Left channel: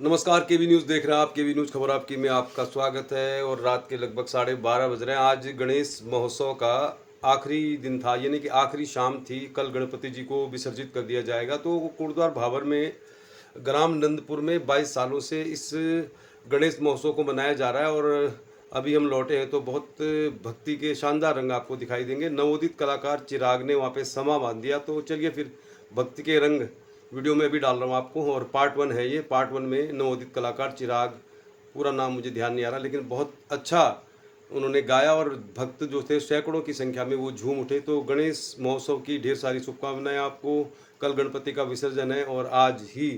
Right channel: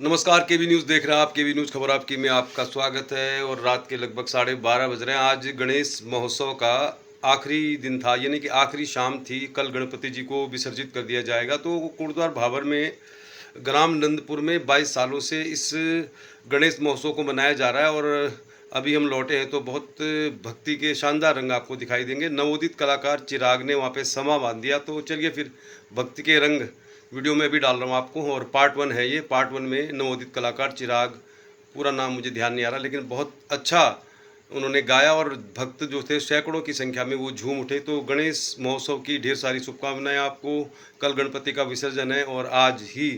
नमस्कार, केवी न्यूज़ देख रहे हैं आप। केवी न्यूज़ खबर आपकी में आपका स्वागत है। और रात के लगभग 12:30 बज रहे हैं। आज गणेश महोत्सव का आखिरी दिन था, यानी कि आखिरी शाम थी। कल गणपति जी को विसर्जित कर दिया जाएगा। तो कुर्द्वार भाबर में ग्राम नंदपुर में 22 सालों से इस गणेश महोत्सव को मनाया जा रहा है। और अभी हम लौटे हैं तो बहुत भक्ति के शानदार रंग आपको दिखाई देंगे। नवोदित कलाकार चिराग ने वहाँ पे समा बांध दिया। तो चलिए फिर भक्ति के रंग वीडियो में भी डाल रहा हूँ आपको। और पार्ट 1 है ये। पार्ट 1 में नवोदित कलाकार चिराग, पूरा नाम मुझे ध्यान नहीं आ रहा, लेकिन बहुत अच्छा उन्होंने गाया। और भक्त जो थे सैकड़ों की संख्या में वो झूम उठे। तो गणेश महोत्सव की ढेर सारी शुभकामनाएं आपको। कल गणपति का विसर्जन है और आज ही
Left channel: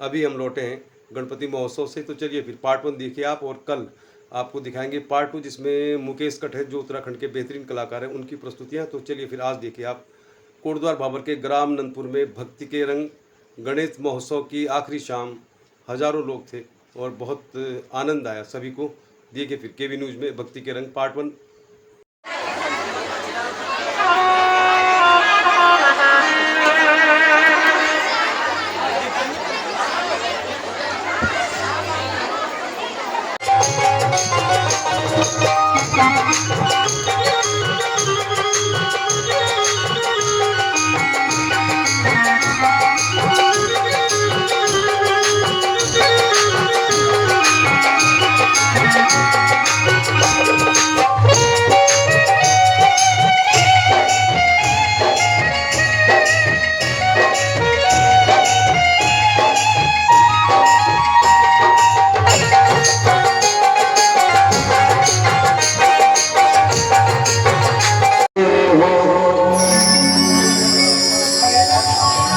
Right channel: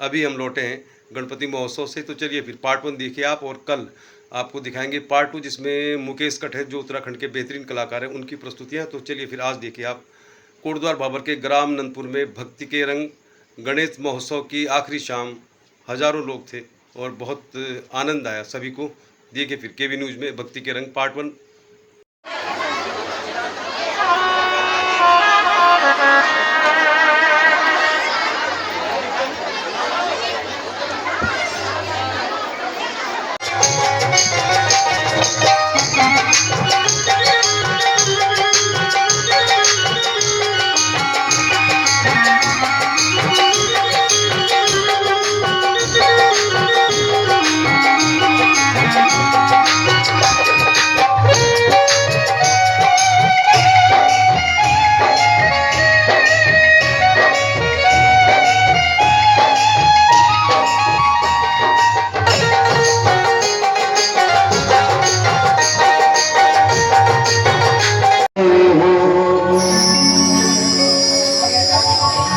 अभी हम लौटे हैं गणपति महोत्सव से। तो चलिए फिर पार्ट 1 देखिए आप, और कल आपको दिखाएंगे पार्ट 2, जिसमें मुकेश कटहर जो उत्तराखंड के बेहतरीन कलाकार हैं उनकी प्रस्तुतियाँ। तो चलिए फिर आज देखिए आप कोटद्वार भाबर के ग्राम नंदपुर में भक्ति के रंग गणेश महोत्सव की आखिरी शाम। हजारों लोग थे और बहुत आनंद आया सभी को। देखिए फिर केवी न्यूज़ में भक्ति के रंग पार्ट 1।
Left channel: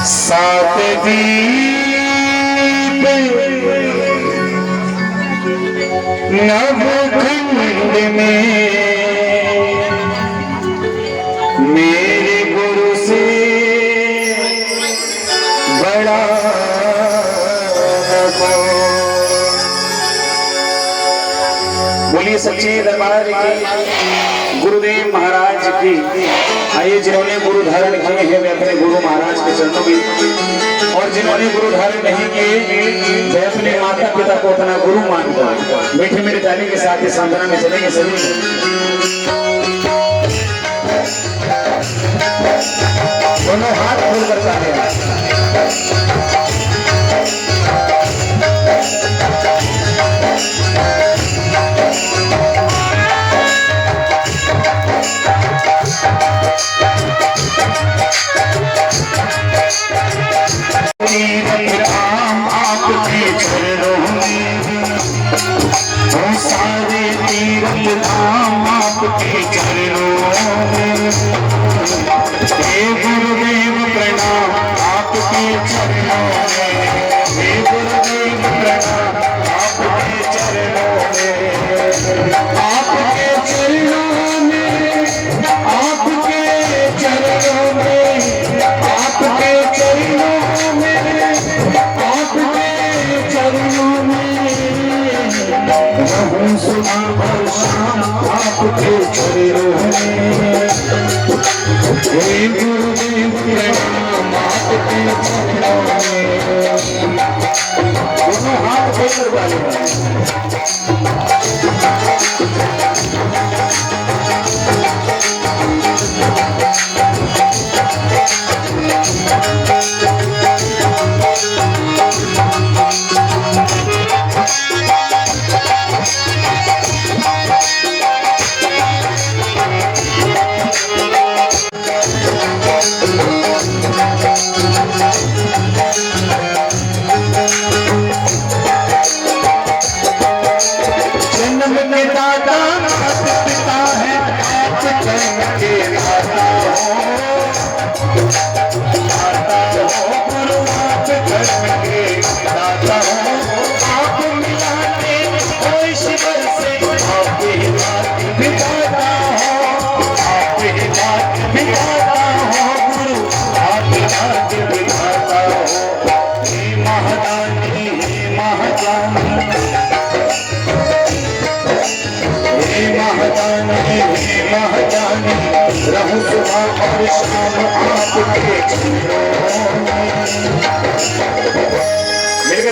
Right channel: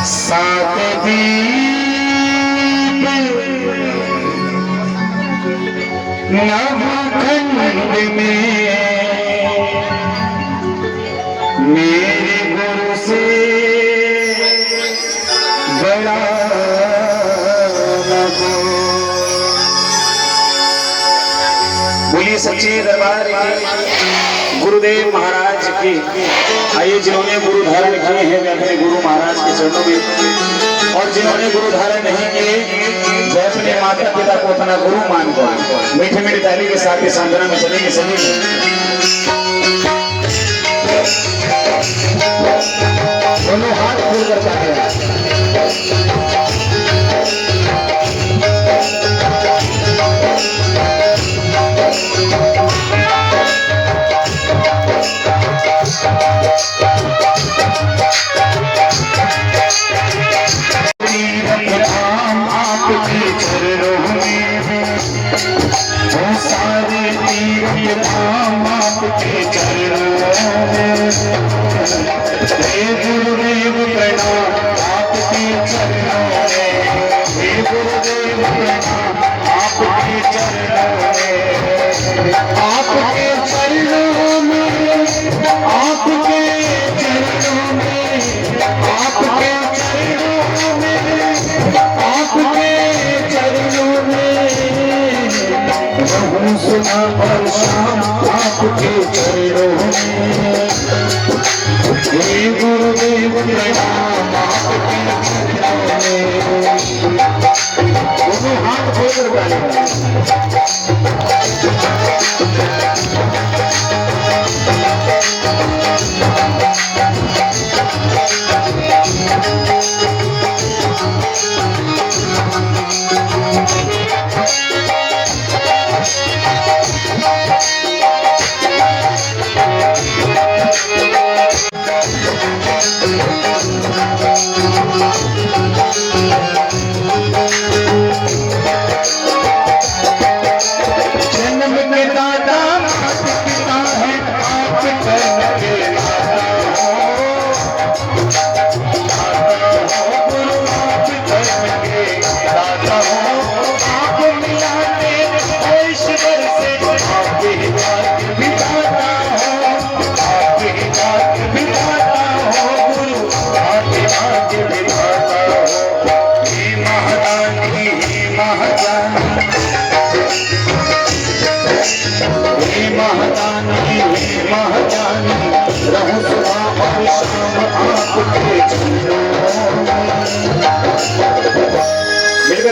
सात दीप नवखंड में मेरे गुरु से बड़ा बोलिए सच्चे दरबार की गुरुदेव महाराज की। आइए, जिन्होंने गुरु धारण किए हैं वे अपने गुरु महाराज के चरणों में, और जिन्होंने गुरु धारण नहीं किए वे अपने माता पिता को अपना गुरु मानकर मीठे मीठे ताली के साथ इस आंदोलन में चलेंगे। सभी दोनों हाथ खोलकर जाते हैं। सारे तीर्थ धाम आपके चरणों में, हे गुरुदेव प्रणाम आपके चरणों में, हे गुरुदेव प्रणाम आपके चरणों में, आपके चरणों में, आपके चरणों में, आपके चरणों में, आपके चरणों में रहूं सुना और शाम आपके चरणों में, हे गुरुदेव प्रणाम आपके चरणों में। दोनों हाथ खोलकर गाएंगे।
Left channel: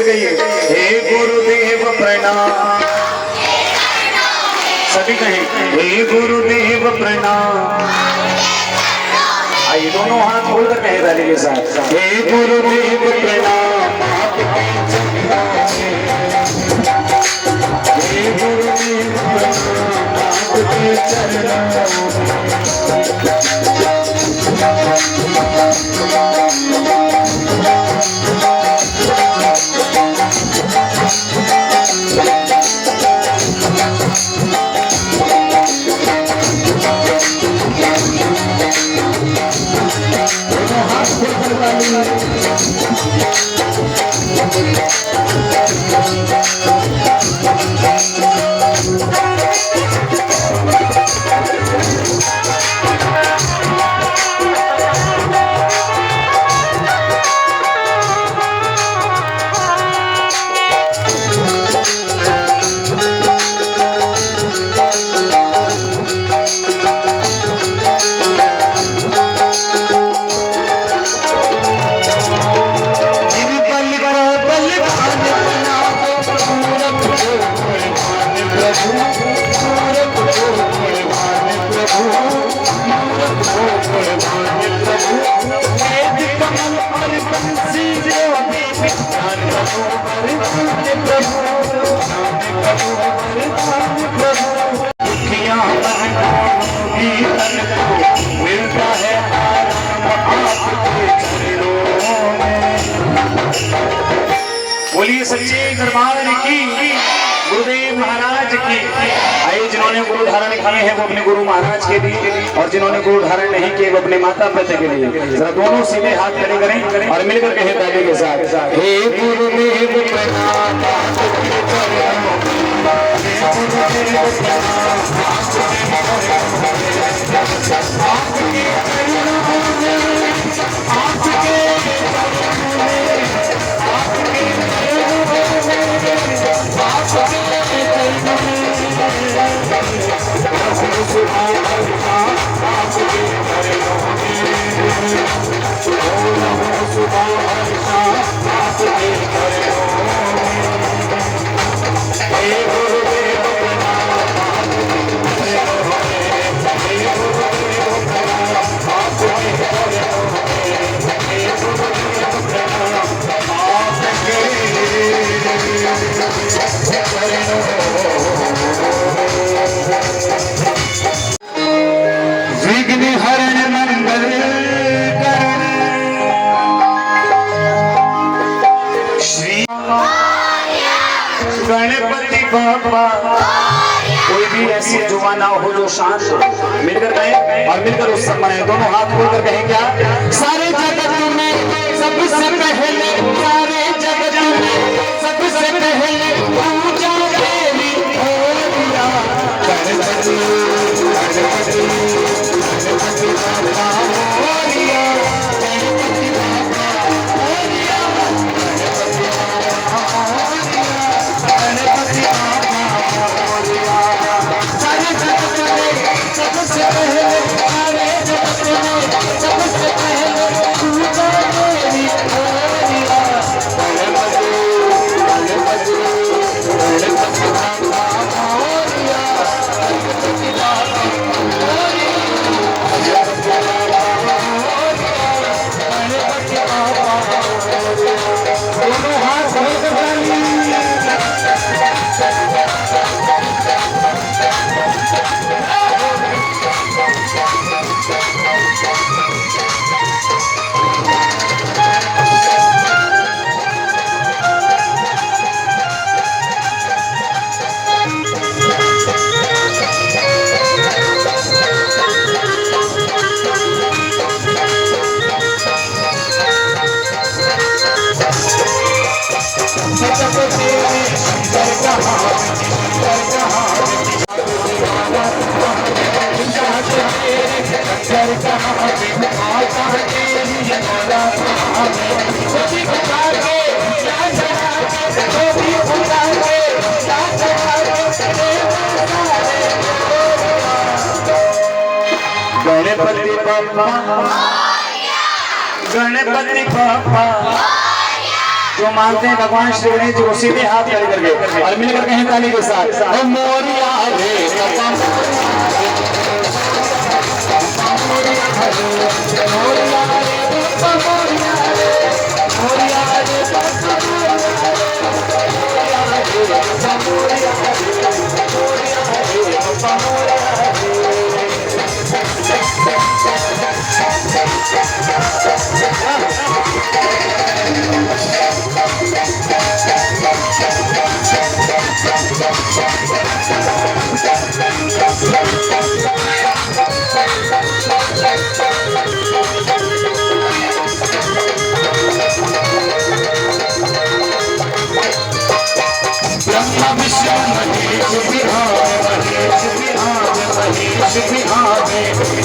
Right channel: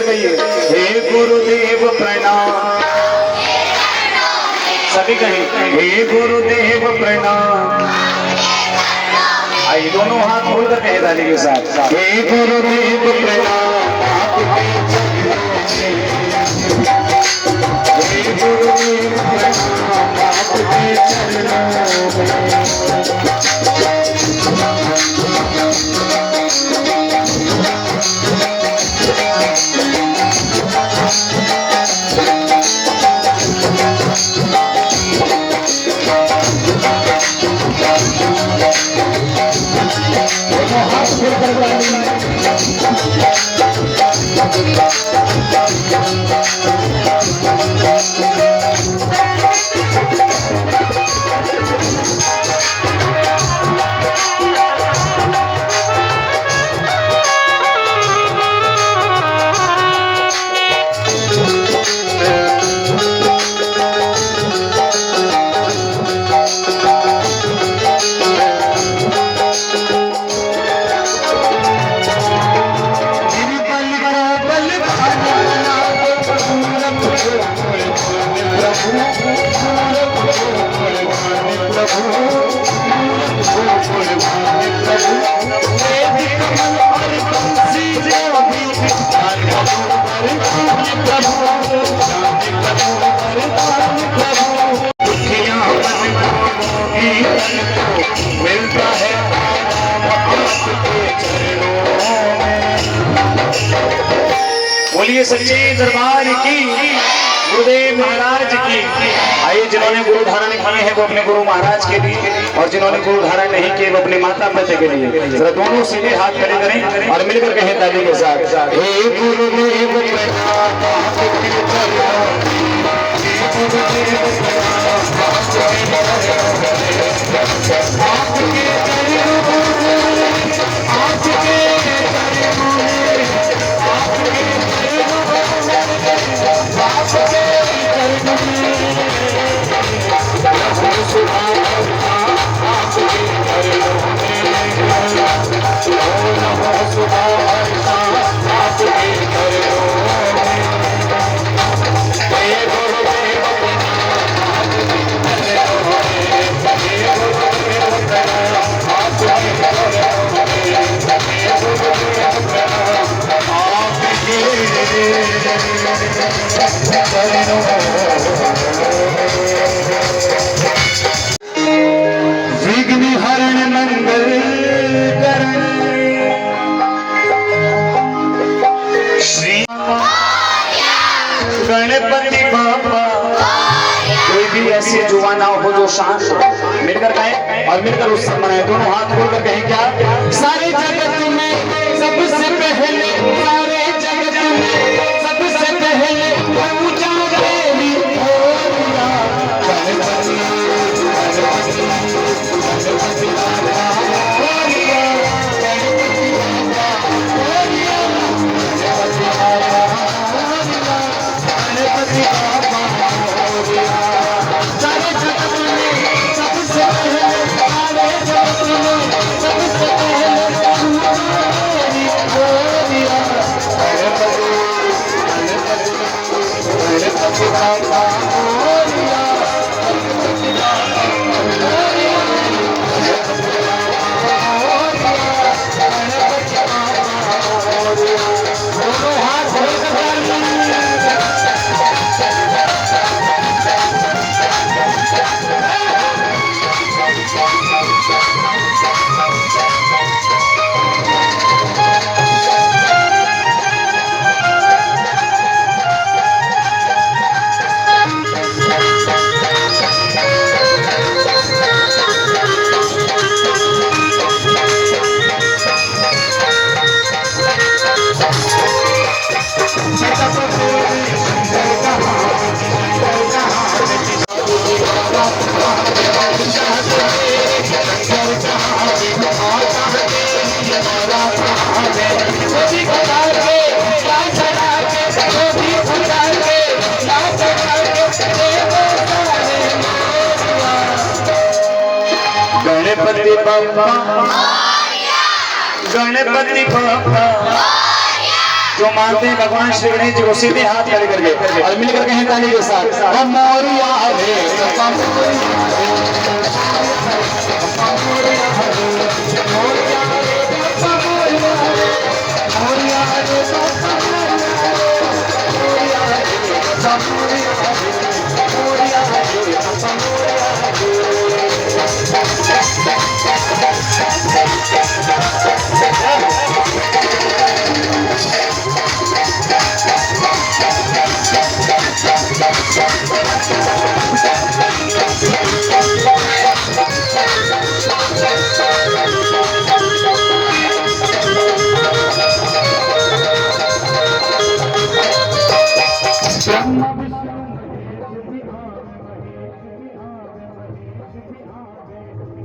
मिलकर कहिए हे गुरुदेव प्रणाम, सभी कहें हे गुरुदेव प्रणाम। आइए दोनों हाथ खोलकर कहे ताली के साथ हे गुरुदेव प्रणाम, हे गुरुदेव प्रणाम आपके चरणों मिलता है बोलिए सच्चे दरबार की, गुरुदेव महाराज की। आइए जिन्होंने गुरु धारण किए हैं वो अपने गुरु महाराज के लिए, और जिन्होंने गुरु धारण नहीं किए वो अपने माता पिता के लिए। जरा दोनों सीधे हाथ खड़े करें और मिलकर कहें ताली के साथ हे गुरुदेव विघ्न हरण मंगल श्री गणपति बाबा। कोई भी ऐसी जुबान ना हो जो शांत हो, मिलकर कहें और मिलकर उस मनाए। दोनों हाथ खोलकर कहें क्या सारे जगत में सबसे पहले, सारे जगत में सबसे पहले पूजा तेरी होगा गणपति गणपति बाप्पा, गणपति बाप्पा, जो मानते हैं भगवान श्री गणेश जी को सीधे हाथ खड़े करके और मिलकर कहें ताली के साथ हम मोरिया रे सपम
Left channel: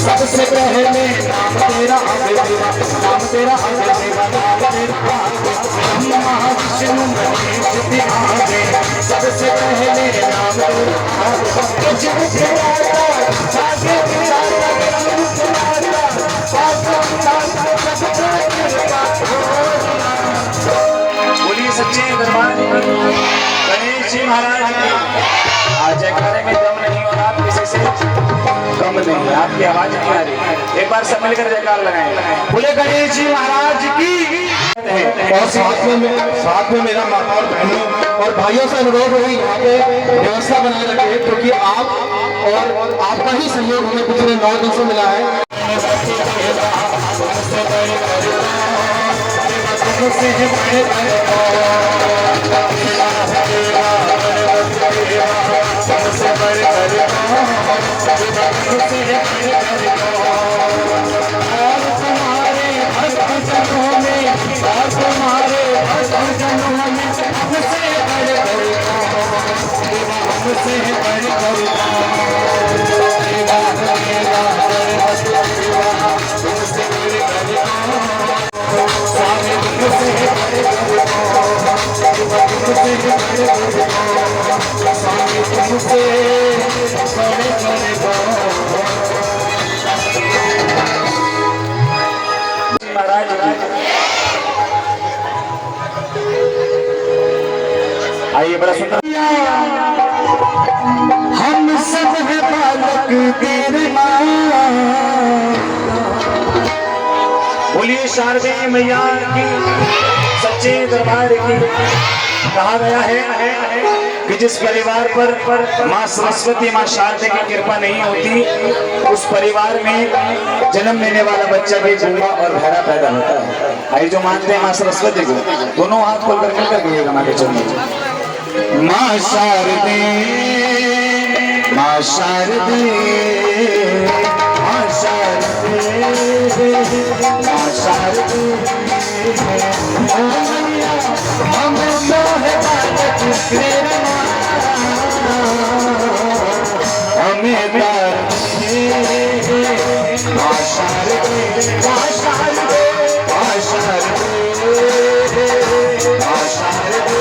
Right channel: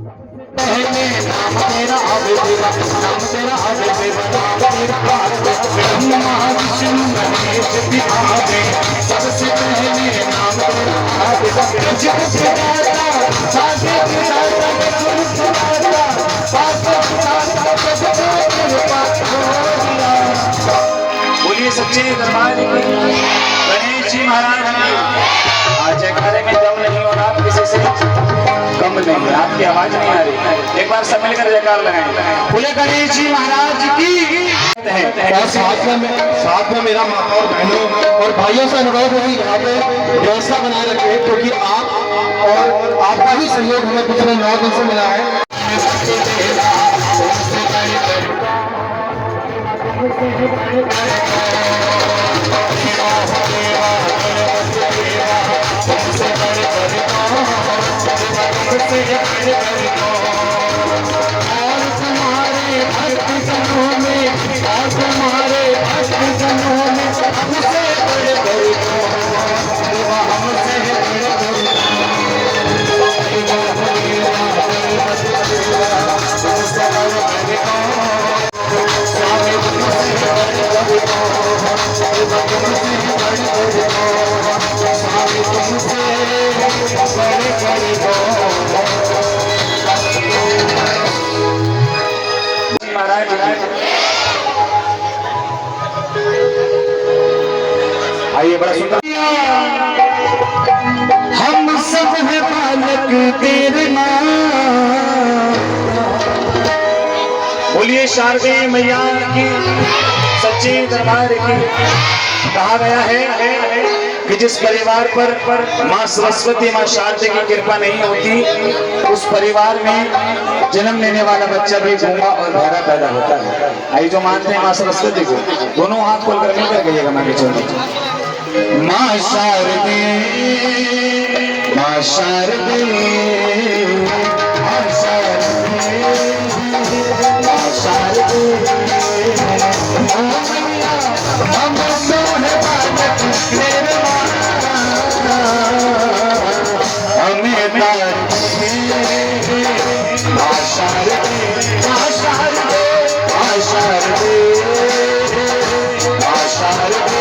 सबसे पहले नाम तेरा नाम तेरा महाविष्णु गणेश बिहारे सबसे पहले नाम बोलिए सच्चे दरबार गणेश जी महाराज की आज करेंगे दम नहीं और आप किसी से कम नहीं, आपकी आवाज नहीं आ रही। एक बार सब मिलकर जयकार लगाएं। बोले गणेश जी महाराज की। और साथ में मेरा माता और बहनों और भाइयों से अनुरोध है यहाँ पे व्यवस्था बना रखे क्योंकि आप और आपका ही सहयोग हमें पिछले 9 दिन से मिला है। आइए बड़ा सुंदर हम सब है बालक तेरे माँ। बोलिए शारदे मैया की सच्चे दरबार की। कहा गया है कि जिस परिवार पर माँ सरस्वती माँ शारदे की कृपा नहीं होती उस परिवार में जन्म लेने वाला बच्चा भी गूंगा और बहरा पैदा होता है। आई जो मानते हैं माँ सरस्वती को दोनों हाथ खोलकर मिलकर कहिएगा माँ के चरणों माँ शारदे माँ शारदे माँ शारदे माँ शारदे हम मोहे बालक तेरे हमें प्यार माँ शारदे माँ शारदे माँ शारदे माँ शारदे।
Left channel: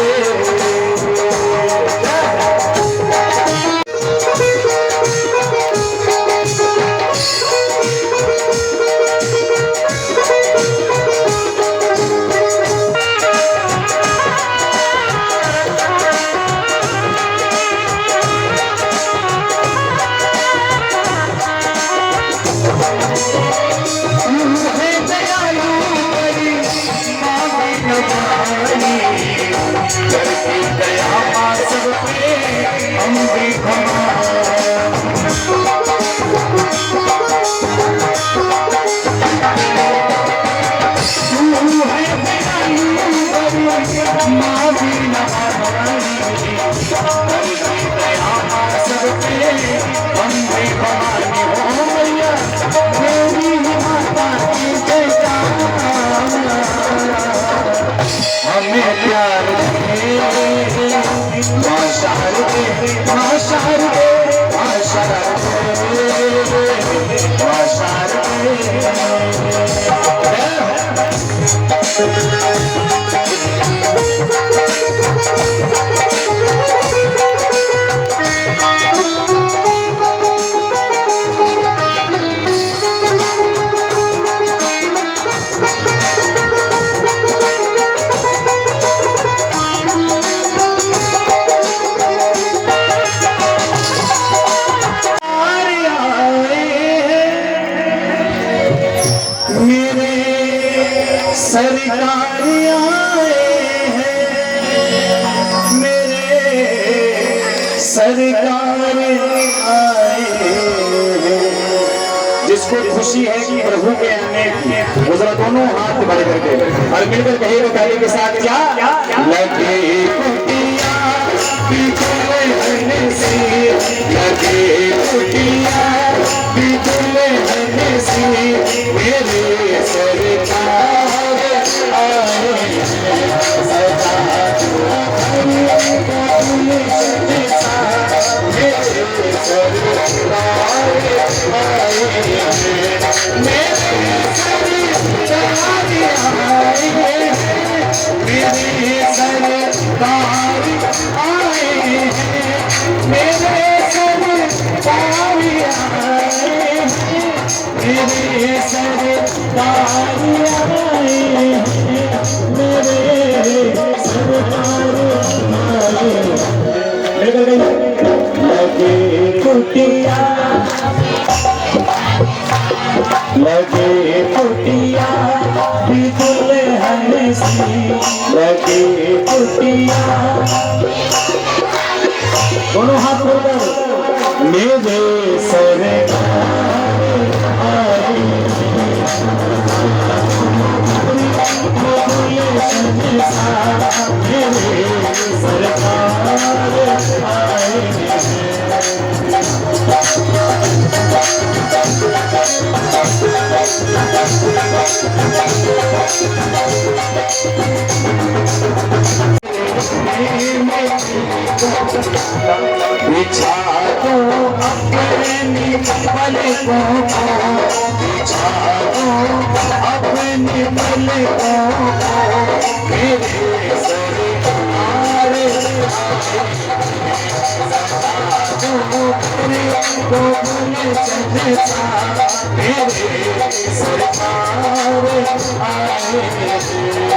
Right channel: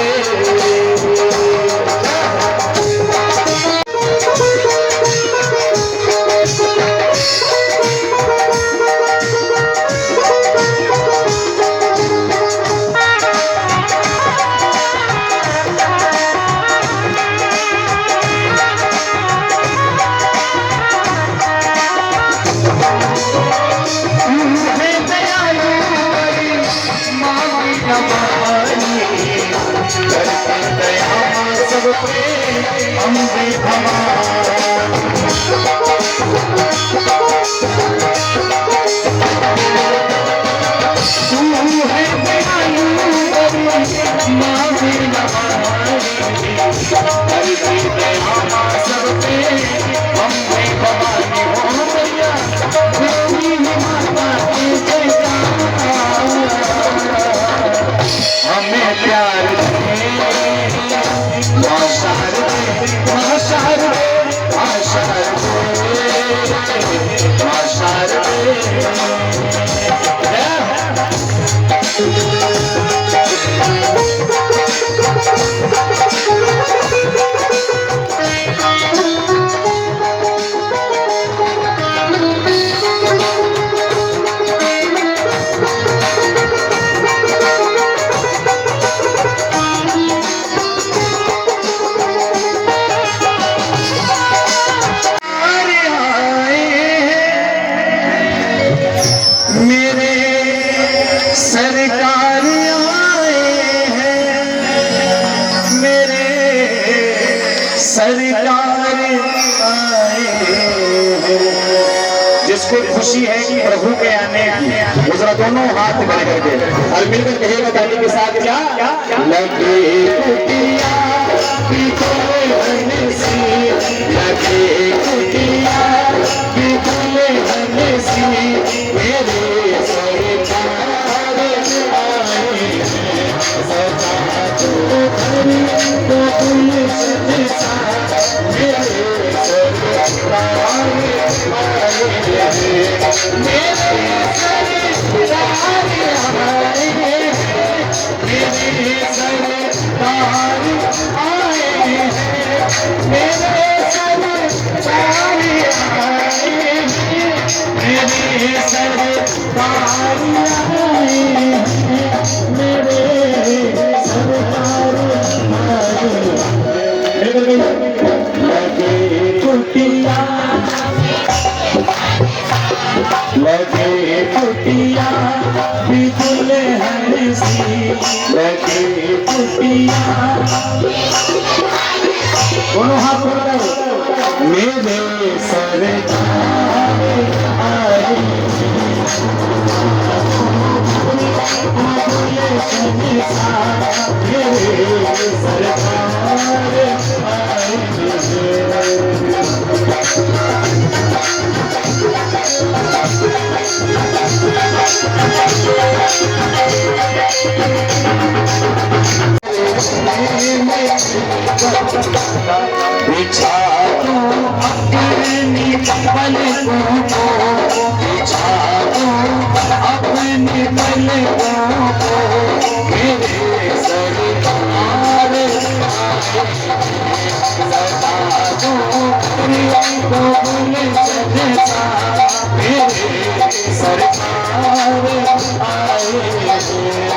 और मिलकर कहेगा ताली के साथ क्या लगे कुटिया बिगुले हंसी, लगे कुटिया बिगुले हंसी, मेरे सरकार आए लगे कुटिया बिगुले हंसी, लगे कुटिया दोनों हाथ खोलकर मेरे सरकार आए मेरे सरकार आए। बिछा दो अपनी पलकों को, बिछा दो अपनी पलकों को, मेरे सरकार मेरे सरकार आए। मेरे सरकार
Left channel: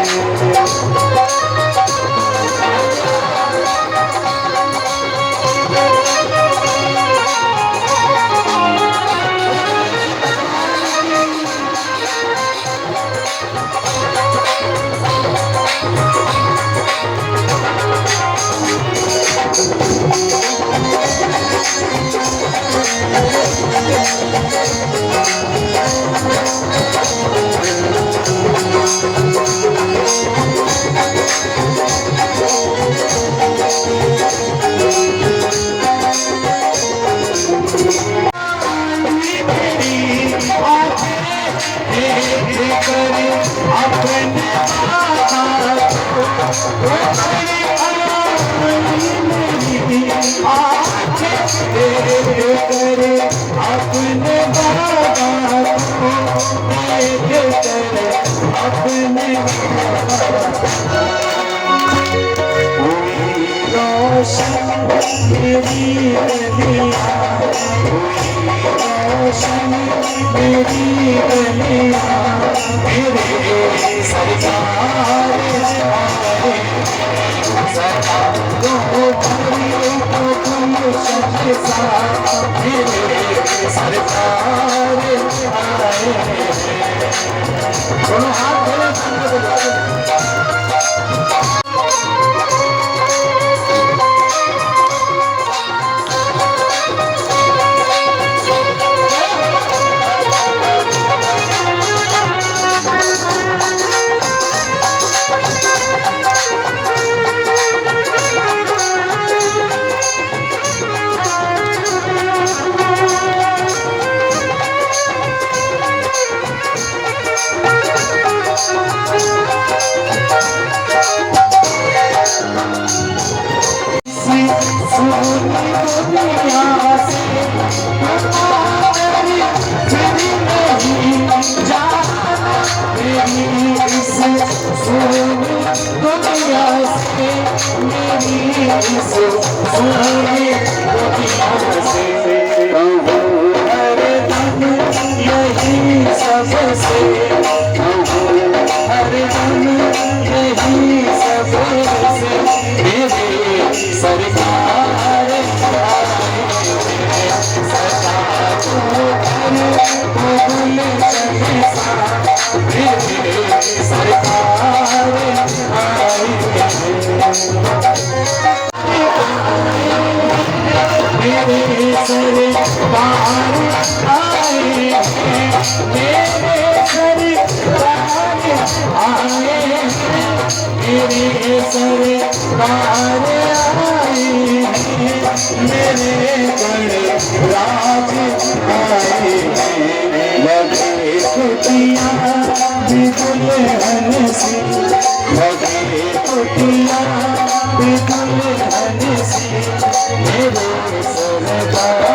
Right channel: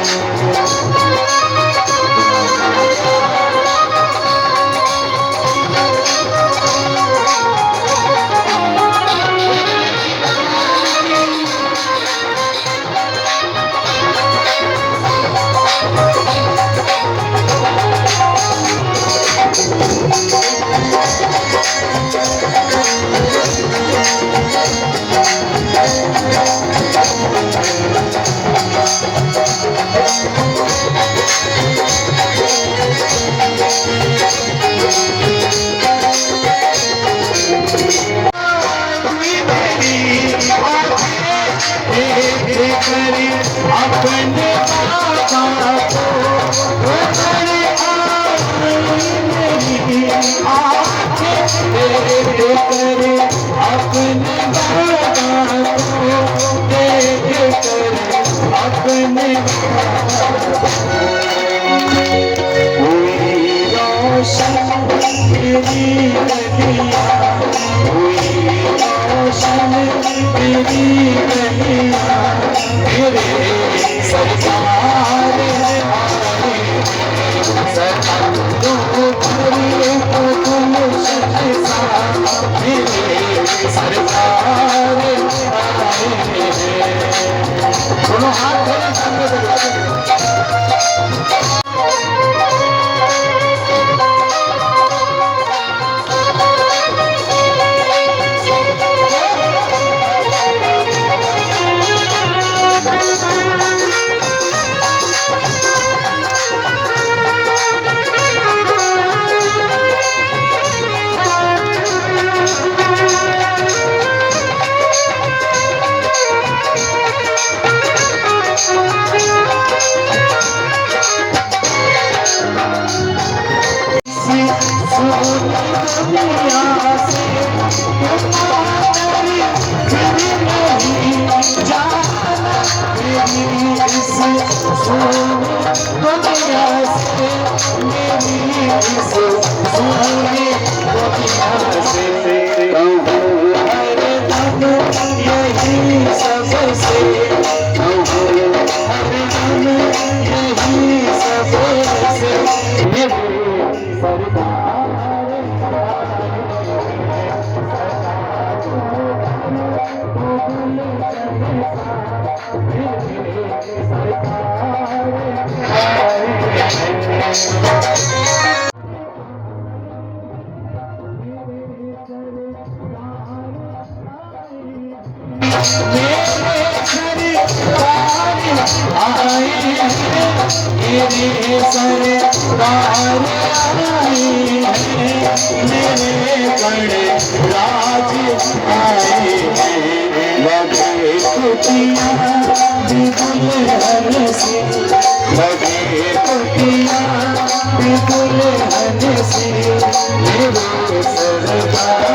आए मेरे सरकार आए मेरे गणराज आए लगे कुटिया बिगुल हंसी लगे कुटिया बिगुल हंसी मेरे सरकार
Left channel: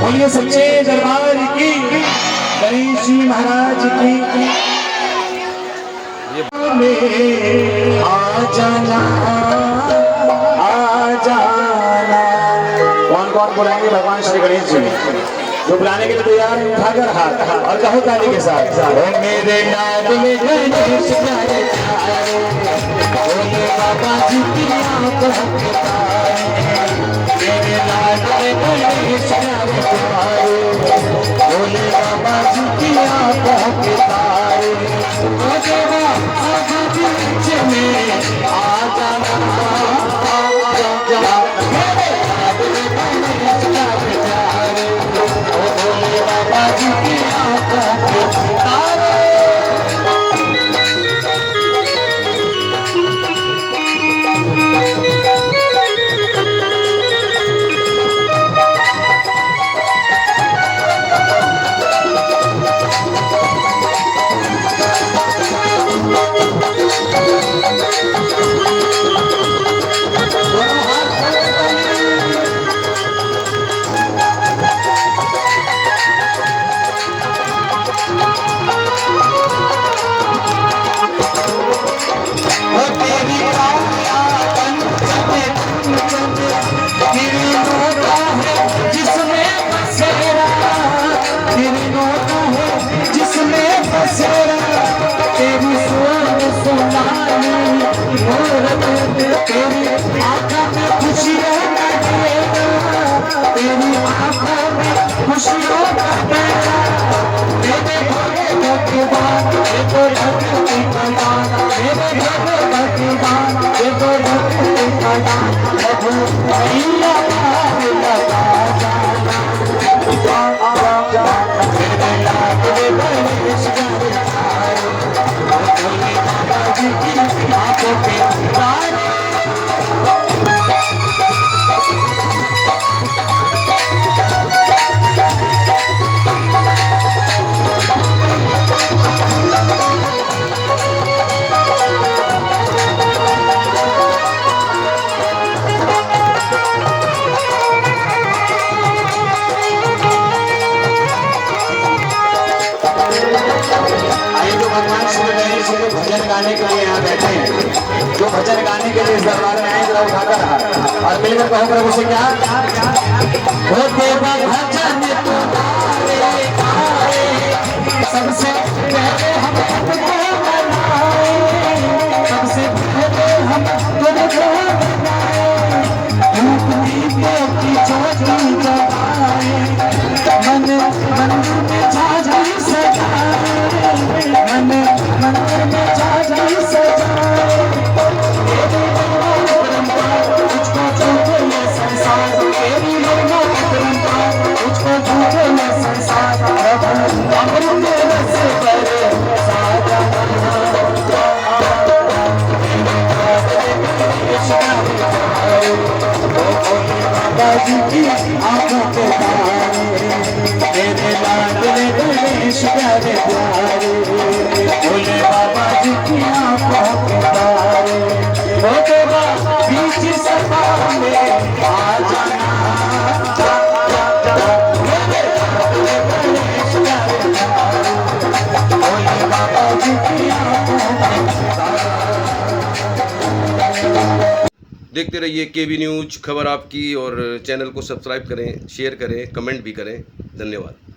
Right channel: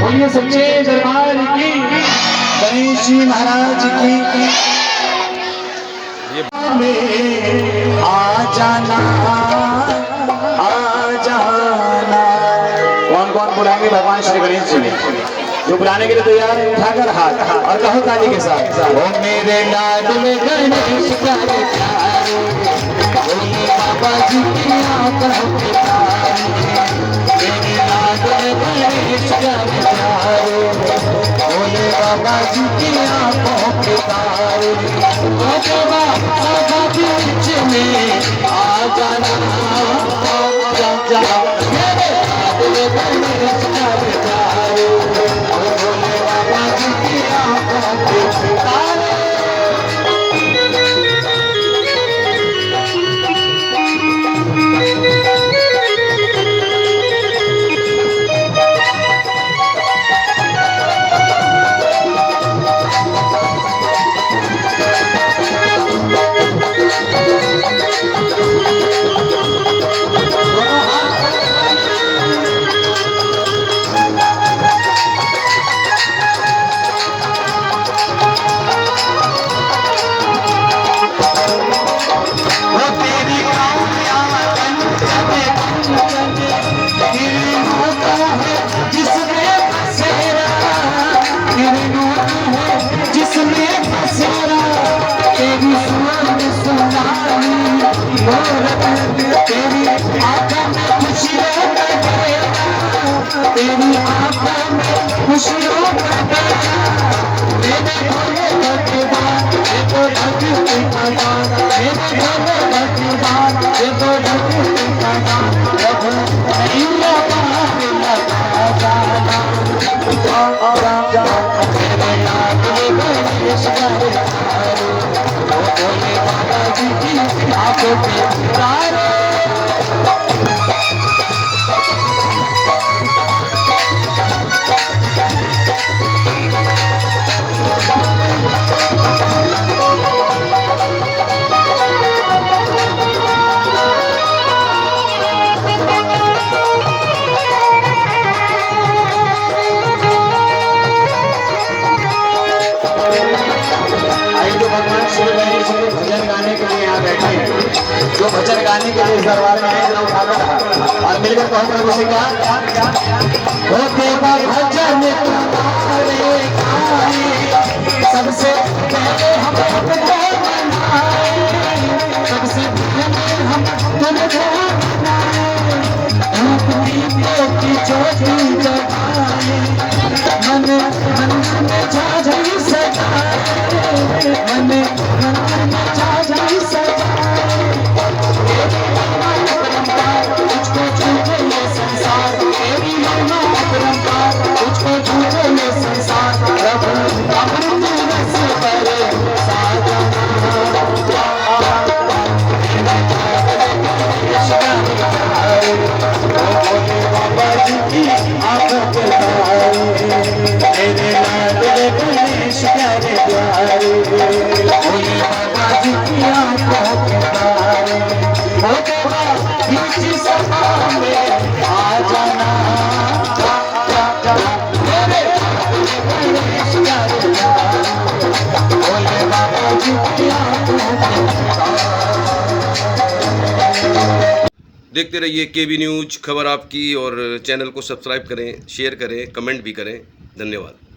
बोलिए सच्चे दरबार की गणेश जी महाराज की आ जाना कौन कौन बुलाएंगे भगवान श्री गणेश जी जो बुलाने के लिए तैयार है उठाकर हाथ और कहो ताली के साथ ओ मेरे लाडले गणेश प्यारे प्यारे भोले बाबा जी की आंखों के तारे मेरे लाडले गणेश प्यारे प्यारे भोले बाबा जी की आंखों के तारे ओ देवा सभा बीच में आ जाना मेरे लाडले गणेश प्यारे प्यारे भोले बाबा जी की आंखों के तारे भजन गाने के लिए यहाँ बैठे हैं जो भजन गाने के लिए इस दरबार में आए जरा उठाकर हाथ और मिलकर कहूँ प्रभु से क्या हो देवा भजन सबसे पहले हम तुमको मनाए सबसे पहले हम तुमको मनाए की ज्योति जगाए मन में झाझी सजाए मन में झाझी सजाए तुझको झूठे ये संसार तेरी महिमा अपरंपार तुझको झूठे ये संसार प्रभु अमृत रस भरे आंखों के तारे तेरे लाडले गणेश प्यारे प्यारे भोले बाबा जी की आंखों के तारे वो देवा बीच सभा में आ जाना मेरे लाडले गणेश प्यारे प्यारे भोले बाबा जी की आंखों के तारे। देखते रहिए केबी न्यूज, खबर आपकी, और चैनल को सब्सक्राइब करें, शेयर करें, कमेंट भी करें। धन्यवाद।